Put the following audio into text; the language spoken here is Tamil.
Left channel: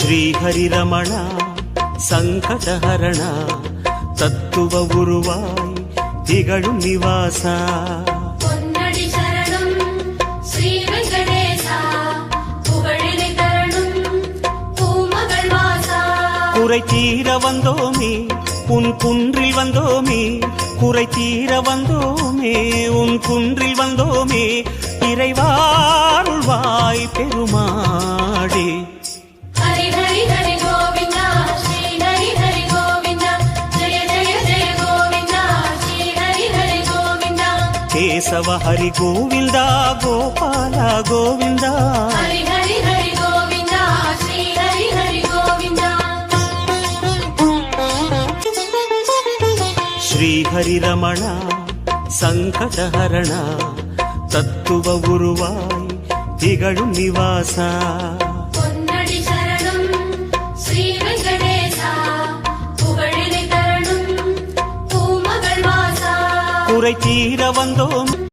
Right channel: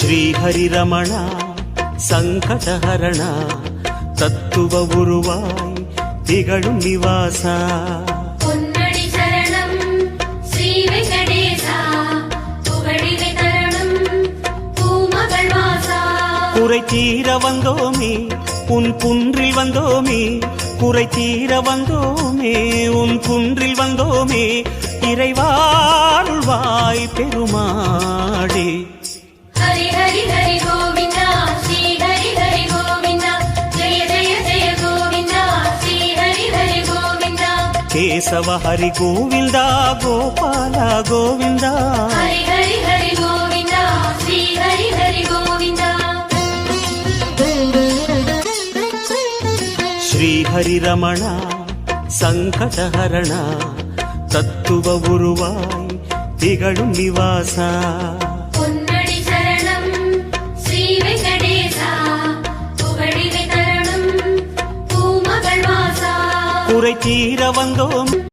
ஸ்ரீஹரிரமணா சங்கடஹரணா தத்துவ உருவாய் திகழும் நிவாசா பொன்னடி சரணம் ஸ்ரீ வெங்கடேசா புகழினை தரணும் பூமகள் வாசா குறை தீர வந்தோமே உன் குன்றில் வந்தோமே குறை தீர வந்தோமே உன் குன்றில் வந்தோமே இறைவாருள்வாய் பெருமாடே ஹரி ஹரி ஹரி கோவிந்தா ஸ்ரீ ஹரி ஹரி கோவிந்தா ஜெய ஜெய ஜெய கோவிந்தா ஸ்ரீ ஹரி ஹரி கோவிந்தா கேசவ ஹரி கோவிந்தா கோபால கோவிந்தா ஹரி ஹரி ஹரி கோவிந்தா ஸ்ரீ ஹரி ஹரி கோவிந்தா ஸ்ரீஹரிரமணா சங்கடஹரணா தத்துவ உருவாய் திகழும் நிவாசா பொன்னடி சரணம் ஸ்ரீ வெங்கடேசா புகழினை தரணும் பூமகள் வாசா குறை தீர வந்தோம்